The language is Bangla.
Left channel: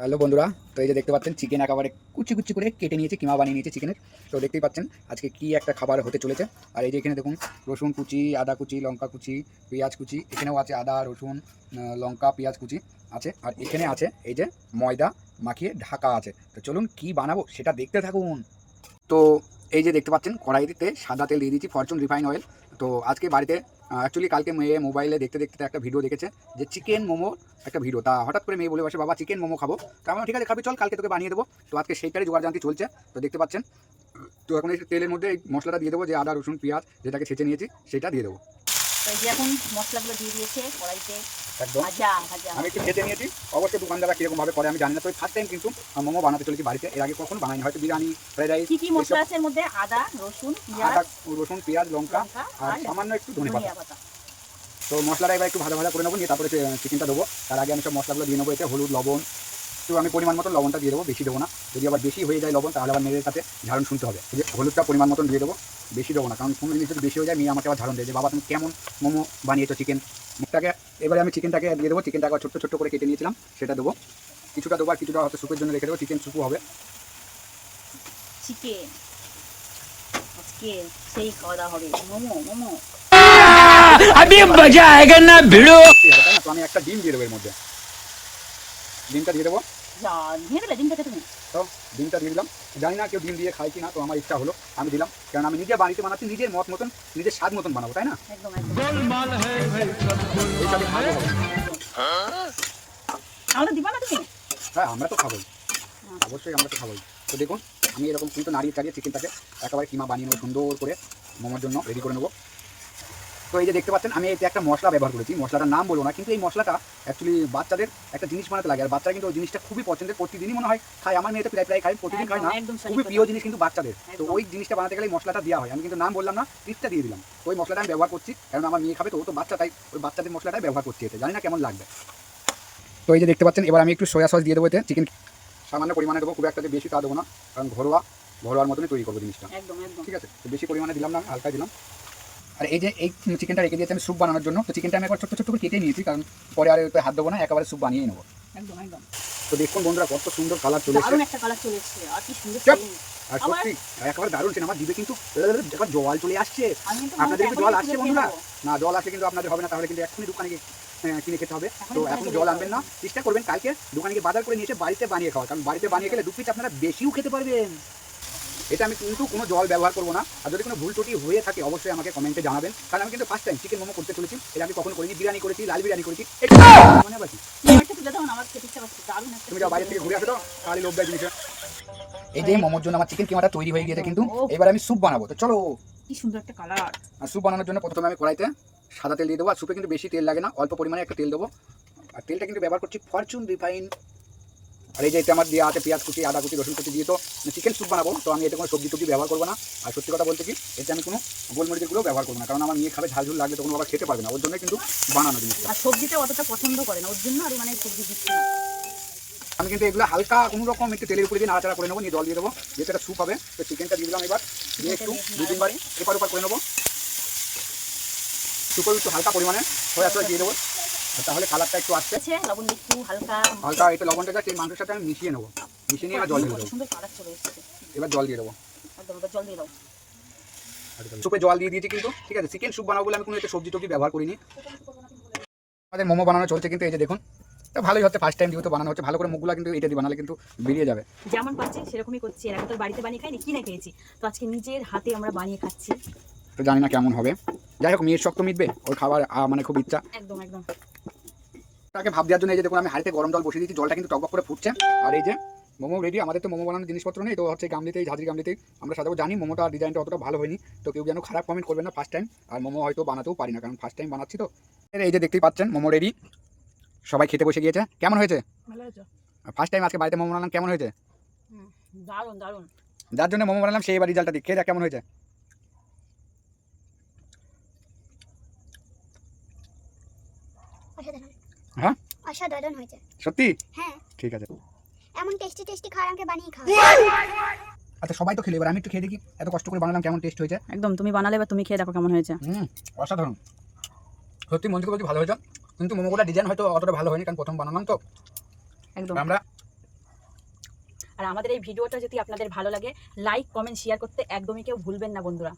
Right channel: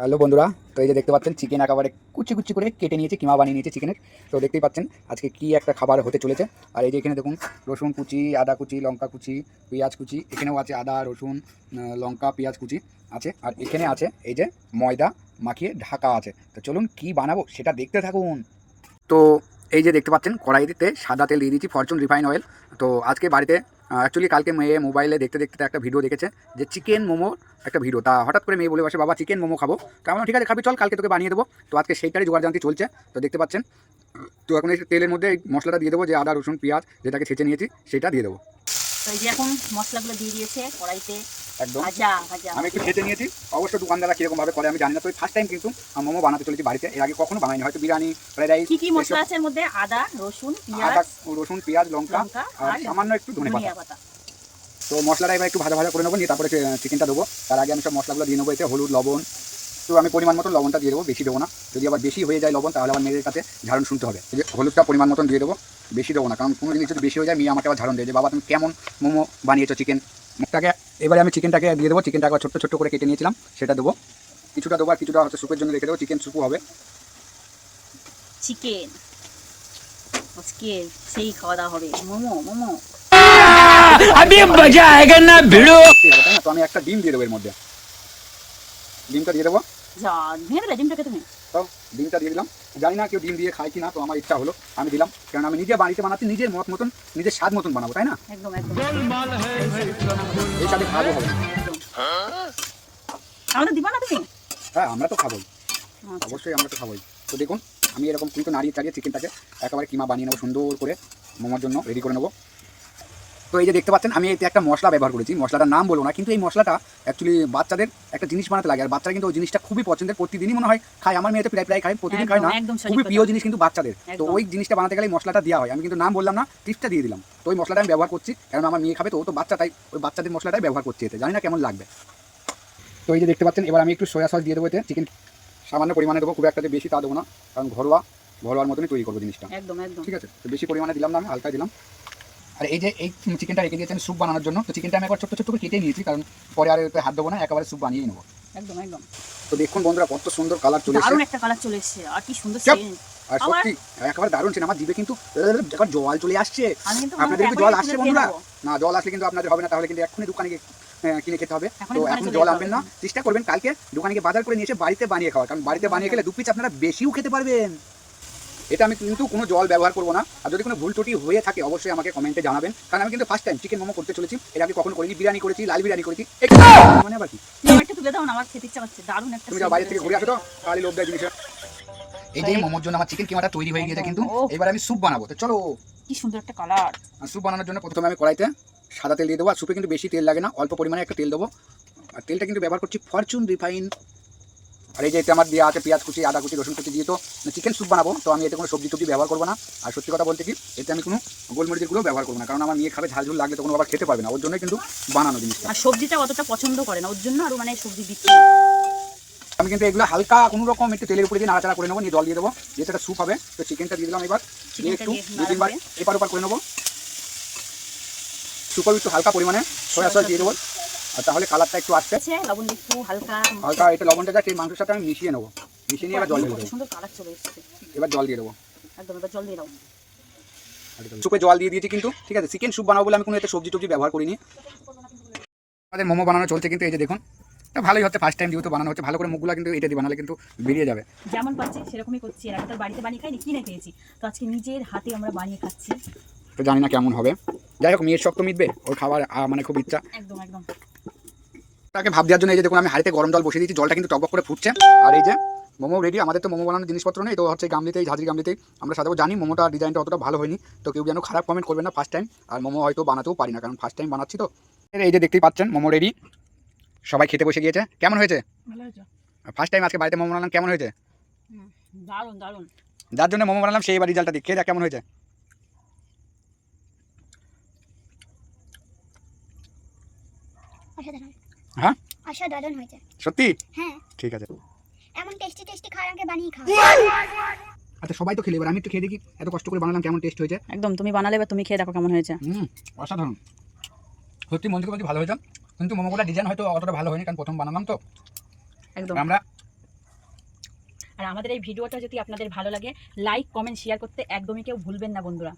হ্যালো বন্ধুরা, তো এই যে দেখতে পাচ্ছেন চিকেন একেবারে কুচি কুচি করে কেটে নিয়েছি, কিমা বানিয়ে নিয়েছি চিকেনের। তো দেখতেই পাচ্ছেন আজকে কি একটা খাবার হতে চলেছে। আর এই যে এখানে দেখুন রসুন কুচি, আদা কুচি, লঙ্কা কুচি, পেঁয়াজ কুচি, এখানেও আছে আদা রসুন লঙ্কা পেঁয়াজ কুচি আছে। আর এখানে আছে এই যে ময়দা মাখিয়ে ঢাকা আছে। তো চলুন কি বানাবো সেটা দেখতে থাকুন। তো এই যে দেখতে পাচ্ছেন কড়াইতে সাদা তেল দিয়ে দিয়েছি, ফরচুন রিফাইন অয়েল। তো আজকে বাড়িতে অ্যাকচুয়ালি কালকে মেয়ে মোবাইলে দেখতে দেখতে একটা ভিডিও দেখেছে যে চিকেন মোমো একটা ভিডিও, তা হঠাৎ করে মেয়ে বলে বসে বাবা চিকেন মোমো খাবো। তো আমি বললাম, ঠিক আছে খাবি, চল কালকে তোকে বানিয়ে দেবো। তো আজকে সেইটারই জোগাড় জানতি চলছে। তো দেখতে পাচ্ছেন, তো এখন এই তেলের মধ্যে এই মশলাটা দিয়ে দেবো, যে আদা রসুন পেঁয়াজ যেটাকে ছেঁচে নিয়েছি সেটা দিয়ে দেবো। তো এই যে এখন মশলাগুলো দিয়ে দিয়েছে কড়াইতে। একদম ভাজা ভাজা আমি একটু ভেজে নিয়েছি। অবশ্য দোকানদাররা কীরকমভাবে করে আমি জানি না, তো ফার্স্ট টাইম কিন্তু মোমো বানাতে চলেছি বাড়িতে। এর আগে কখনো বানাইনি, হয়তো বিরিয়ানি ফ্রাইড রাইস। কি কি মশলা আছে এর মধ্যে? আদা রসুন আদা পেঁয়াজ, রসুন পেঁয়াজ লঙ্কা আর সামান্য একটু ধনে পাতা। তো মশলাটা এবার একটু ভাজা ভাজা করে নেবো, নিয়ে তারপরে চিকেনটা দেবো। তার আগে আমি সব মশলাগুলো দিয়ে নেবো। এতে হলুদ লবণ, তো আমি পরিমাণ মতন লবণটা দিয়ে দেবো, বেশি দেবো না। যদি আবার বেশি হয়ে যায় লবণ তাহলে আবার মেয়ের কাছে ঝাড়ন শুনতে হবে। যে হলুদটা পরিমাণ মতন দিয়ে দেবো, বেশি দেবো না, কারণ কোনো জিনিস যদি বেশি হয়ে যায় মেয়ে আমাকে আবার ঝাড়ন দেয় যে বাবা তুমি কেমন মোমো বানিয়েছো চিকেন মুখটাকে। এবারে আমি চিকেনটাকে দিয়ে দেবো। চিকেনটাকে ছোট্ট ছোট্ট করে কেটে নিয়েছিলাম সেটা দেবো, কিছুটা দেবো আর কিছুটা হয়তো স্যুপের জন্য রেখে দেবো। চিকেন স্যুপও হবে। চিকেন আজকে সেই খাওয়া দাওয়া হবে, মোমো মোমো। अभी मजा आएगा ना भिड़ो। তাই না? তো আমি একটা ডিম দিয়ে দেবো এর মধ্যে, ডিমটা দিয়ে দেবো। যা ভেঙে দিলে ডিমটাকে তুমি। তো ডিমটা দিয়ে দিলাম। জানি না কেউ ডিম দিয়ে খায় কি না, তো আমার ইচ্ছা হলো আমি দিলাম, কারণ আমি নিজে বাড়িতে বানাচ্ছি, নিজের মত মতন নিজের স্বাদ মতন বানাবো, তাই না? একদম একদম। এই স্বাদে খাবো হবে। আমাদের দিবা না তুমি? হ্যাঁ আমরা তো খাবোই, আচ্ছা। অবশ্যই আমরা তো খাবোই। তো দেখুন আমি এরকম কিন্তু নাড়িয়ে ছাড়িয়ে চিকেনটাকে একেবারে কিমা বানিয়ে নেবো, সুন্দর করে মোমোর জন্য রেডি করে নেবো। তো এই যে দেখতে পাচ্ছেন আমি এতে একটা মশলা ব্যবহার করেছি, মশলাটার নাম বলবো না, কিন্তু এই মশলাটা অ্যাকচুয়ালি বাচ্চাদের একটা জিনিস বানাতে লাগে, আর বাচ্চারা কিন্তু ওই জিনিসটা খুবই পছন্দের, প্রতিদিনই মনে হয় খায়। আমার মেয়েতে প্রায় প্রায় খায়, প্রতিদিন খায় না, একদম সঠিক খুবই কথা। প্রিয় জিনিস কিন্তু বাচ্চাদের। তো একদম। ওই জিনিসটা বানাতে গেলে এই মশলাটা দেওয়া হয়। আমি কিন্তু নাম বললাম না, টিপসটা দিয়ে দিলাম। তো ওই মশলাটা আমি ব্যবহার করছি, কারণ আমার মেয়ে খাবে, তো ও তো বাচ্চা, তাই ওই বাচ্চাদের মশলাটাই ব্যবহার করছি এতে, জানি না কেমন লাগবে। তো এই যে দেখতে পাচ্ছেন এবার আমি একটু সয়া সস দিয়ে দেবো এতে। চিকেন সামান্য পরিমাণে দেবো, খুব একটা বেশি তা দেবো না, কারণ ঘরোয়ার মতনই তৈরি করবো জিনিসটা। একদম একদম। ঠিক আছে, তো বেশি পরিমাণে দিলাম না, আমি হালকা দিলাম। আর এই যে এই চিকেনটা রেখে দিয়েছি আমি স্যুপ বানানোর জন্য। তো চিকেনটা আমি একবার ছোট্ট ছোট্ট করে কেটে নিয়েছি, কারণ পরে আর এতে হাত দেবো না, একেবারে স্যুপ বানিয়ে নেবো। একদম একদম। তো দেখুন বন্ধুরা কত সুন্দর কালার চলে এসেছে, দারুণ একটা কালার চলে এসেছে, আর কি সুন্দর চাপ। সেন্ট। আর সত্যি একেবারে দারুণ ছিল। আমার জিভে কিন্তু একবার জল চলে আসছে। আমি কিন্তু আপনাদের কি জল আসছে বন্ধুরা? না, জল আসলে কিন্তু আপনাদের হবে না, তাহলে কিন্তু এক্ষুনি দোকানে গিয়ে কিনে খেতে হবে। তো এখন জল আনবেন না, চেষ্টা করবেন কালকে দোকানে গিয়ে বাজার করে নিয়ে এসে বাড়িতে বানিয়ে খাওয়া, কারণ বাড়িতে বানিয়ে খেলে 2 পিস আপনারা বেশিও খেতে পারবেন। এটা আমি কিন্তু কোনো জল ব্যবহার করবো না। আর যদি কোনো ভুল ত্রুটি হয়ে থাকে অবশ্যই আমাকে কমেন্টে জানাবেন, কারণ আমি কিন্তু ফার্স্ট টাইম চিকেন মোমো করতে চলেছি। এর আগে কখনো করিনি, বিরিয়ানি করেছি, লাল বিরিয়ানি করেছি, মানে আবার কি। একটা তুলে দাও না, আমার খেতে ইচ্ছা করছে। দারুণ একটা। তুমি যাও বাইরে থেকে ঘুরে আসো তো, তাহলে লোভ দেয় জিনিসে। এই যে মোমোর জন্য আমার চিকেন কিমাটা তৈরি হয়ে গিয়েছে, কিন্তু এবার আমি স্যুপ বানাবো। তো চলো। কি সুন্দর একটা কালার। আর স্যুপ বানানোর জন্য প্রথমে আমি কড়াইতে সাদা তেল দিয়ে দেবো। আর স্যুপে কিন্তু বেশি তেল লাগে না, অল্প পরিমাণে একটা তেল দেবো। আর তেলটা কিন্তু ব্যবহার করছি ফরচুন রিফাইন। আর এই যে এতে আমার দেওয়া আছে পেঁয়াজ কুচি, আদা কুচি, রসুন কুচি দিয়ে। তো চিকেন স্যুপ বানাবো, তো আমি এতে কোনো সবজি টবজি ব্যবহার করবো না। আর সত্যি কথা বলতে কি, এতে আমি কোনো গোলমরিচের গুঁড়ো ব্যবহার করবো না, কারণ আমার মেয়ে খাবে ঝাল ঝুল লাগবে, তখন আবার খেতে পারবে না, ওর জন্যই কিন্তু বানানো জিনিসটা। আর সবজিটা অতটা পছন্দ করে না, ওর জন্য আরো মানে সবজি দিচ্ছি। আমি কিন্তু এগুলো হালকা কোনো রকম একটু তেলের উপরে দিয়ে নাড়াচাড়া করে নেবো, নিয়ে জল দিয়ে দেবো, যেটা একটা স্যুপ হবে। তো চিকেনটা দিয়ে দিলাম, এবার দিয়ে একটু 2-3 বার এপার ওপার করে নেবো। সুপার একটু হালকা পরিমাণে সয়া সস দিয়ে দেবো, আর তাহলে কালারটা একটু আসছে। লবণ একটু হালকা হালকা এটা লবণটা যাচ্ছে এই মাংসের সাথে আমি মিশিয়ে নেবো, মিশিয়ে নিয়ে এবার জল দিয়ে দেবো। সুন্দর কালার চলে এসেছে। এবার জল দিয়ে দেবো, একদম এবার জল দিয়ে দাও। সুপে জল দিয়ে দিয়েছি কিন্তু। ঠিক আছে, চিকেন স্যুপ বানাবো বলে আমি কোনো এতে সবজি টবজি ব্যবহার করিনি। আমাদের মোমো বানানো চলছে কিন্তু, এই যে দেখুন, তো ভালোই হচ্ছে, ফার্স্ট টাইম যেহেতু বানানো হচ্ছে, ভালো করে মুখগুলো কিন্তু এটা দিয়ে বানালে কিন্তু বেরিয়ে যাবে। যেমন পাচ্ছি সেরকমই করছি, এর আগে তো বাড়িতে বানিয়ে খাইনি, কিনে খেয়েছি, তো আজকে নিজের হাতে আমরা বানিয়ে খাচ্ছি। তো জানি না কেমন হবে, যাই হোক মেয়ের শক্ত মিটবে, ওর খাবার মানে খুব ইচ্ছা। একদম একদম। তাকে ভাব দেওয়ার জন্য এই যে দেখুন আমি হাঁড়িতে গরম জল বসিয়ে দিয়েছি, জলটা কিন্তু টকবক করে ফুটছে। আর এই যে মোমো রেডি। আমাদের তো মোমো বানানোর জিনিসপত্র নেই, তো হচ্ছে গামলিতেই, ঝাঁঝরি গামলিতেই আমরা সাজাবো। জানি মোমোটা ডিজাইনটা অতটা ভালো হয়নি, তো কেউ যেন খারাপ কমেন্ট করবে না, ফার্স্ট টাইম। আর মোমো হয়তো বানাতেও পারি না, কারণ ফার্স্ট টাইম বানাচ্ছি। তো এই যে দেখতেই পাচ্ছেন মোমো রেডি, সবাই খেতে বসে গিয়েছে। কেমন হয়েছে? ভালো হয়েছে। ফার্স্ট টাইম আজকে বাড়িতে মোমো বানালাম, কেমন হয়েছে? দারুণ দারুণ। যার জন্য মোমো বানালাম সেই এবার রেজাল্টটা দিই, খেয়ে দেখ কেমন হয়েছে। অসাধারণ। হ্যাঁ অসাধারণ হয়েছে। সত্যি? হ্যাঁ, ঠিক আছে। এমন টেস্টি টেস্টি খাবার আমাকে বানিয়ে খাও। আচ্ছা সবাই তো খেলে, এবার আমি একটু খেয়ে দেখি, এত কষ্ট করে বানালাম কেমন টেস্ট হয়েছে। একদম, তুমি বানালে এবার তুমি খেয়ে দেখো কেমন হয়েছে। অসাধারণ, সত্যি মন থেকে বলছি ভালো হয়েছে। কিন্তু মোমোগুলো ডিজাইন হয়তো অতটা ভালো হয়নি, কারণ প্রথম বানালাম তো। একদম। আমরা আর আমাদের এই ভিডিওটা যদি আপনাদের ভালো লাগে লাইক কমেন্ট শেয়ার করতে একদমই কেউ ভুলবেন না বন্ধুরা।